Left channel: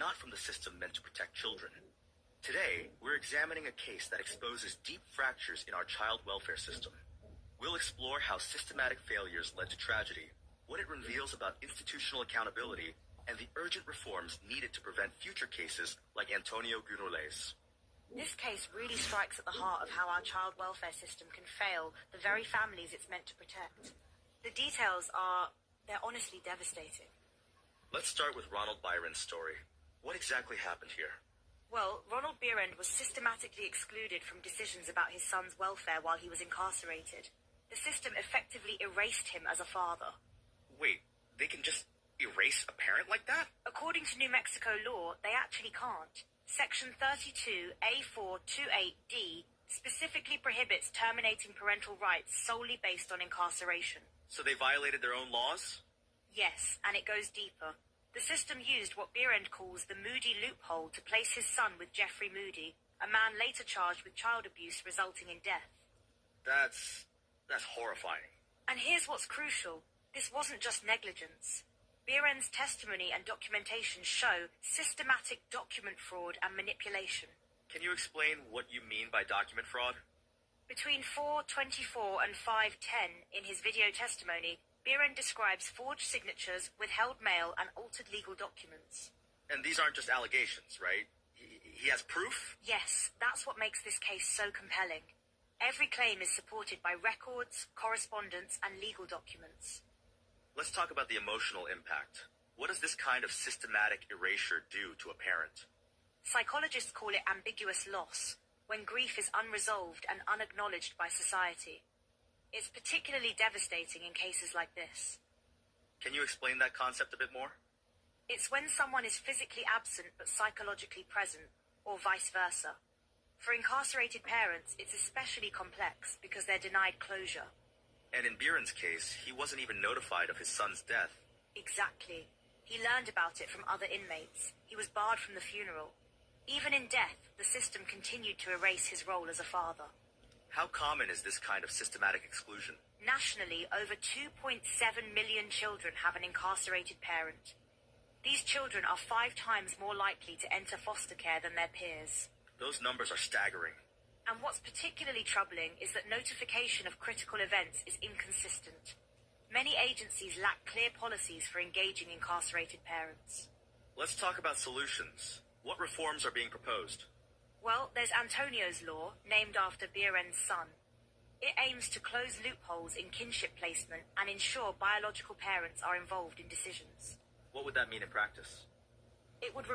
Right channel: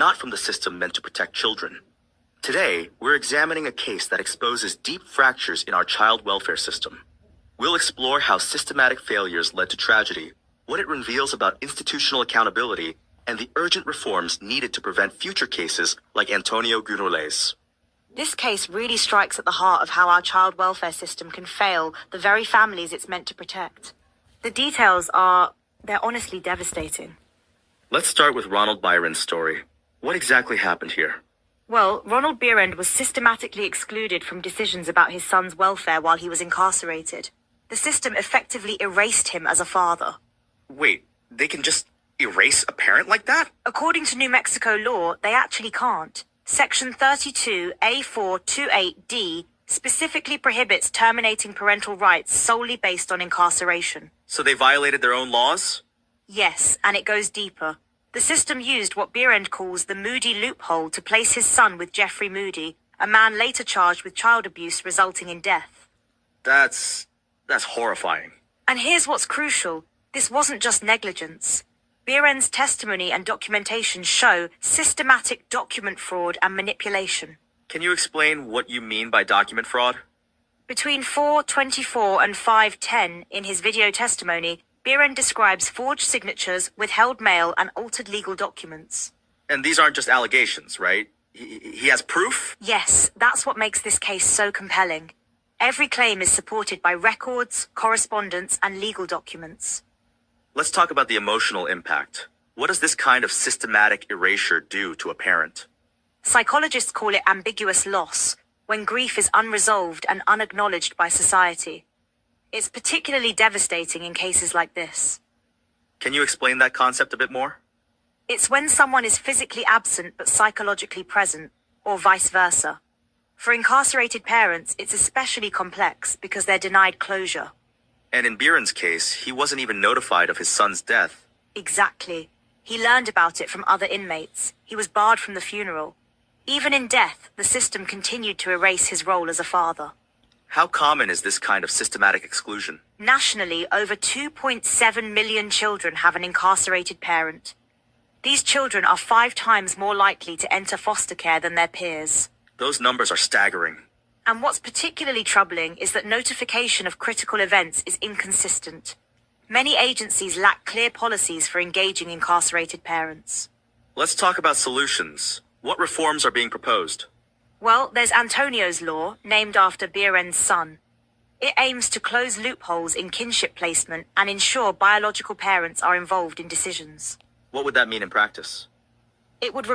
not from the system meant to protect children. Today, we're examining a case that exposes deep fractures in our child welfare system. We'll explore how systematic failures led to tragedy, what it reveals about institutional accountability, and the urgent reforms needed to prevent future cases like Antonio Gunole's. This case really strikes at the heart of how our child welfare system can fail the very families it's meant to protect. The details they're honestly devastating. Let's start with Ronald Byron's story. What exactly happened here? Well, Ronald Bierend was systematically excluded from decisions about his son's welfare while he was incarcerated. The system effectively erased him as a father. Wait, they can just erase a parent like that? According to New Mexico law, they actually can't. Section 32A428D specifically prohibits terminating parental rights solely based on incarceration. So they violated their own laws? Yes, and it goes deeper. The system used what Bierend calls the Moody loophole to place his son with Jeffrey Moody, a man later charged with child abuse resulting in death. That's horrifying. And here's what's crucial. This wasn't just negligence. Bierend's testimony and documentation show systematic document fraud and manipulation. Can you explain what you mean by document fraud? Between 4:24 and 5:10 in his video testimony, Bierend describes forged signatures, withheld mail, and altered legal documents. And these aren't just allegations, right? He has proof? Yes, that's what makes this case so compelling. Every claim is supported by records, correspondence, and legal documents. Let's talk about the emotional impact. What does this kind of systematic erasure do to a parent? Psychologists call it ambiguous loss, when grief is unresolved and unacknowledged by society. It's particularly devastating in cases like this. Can you explain that concept a bit more? It's when someone is physically absent but psychologically present, or vice versa. For incarcerated parents, it's especially complex because they're denied closure. And in Bierend's case, he wasn't even notified of his son's death. Exactly. He learned about it from other inmates. He was barred from the funeral. Even in death, the system continued to erase his role as a father. How common is this kind of systematic exclusion? Nationally, over 2.7 million children have an incarcerated parent. These children are 5 times more likely to enter foster care than their peers. Those numbers are staggering. And what's particularly troubling is that notification of critical events is inconsistent. Many agencies lack clear policies for engaging incarcerated parents. Let's talk about solutions. What reforms are being proposed? Well, there's Antonio's law, named after Bierend's son. It aims to close loopholes in kinship placement and ensure biological parents are involved in decisions. What would that mean in practice? It would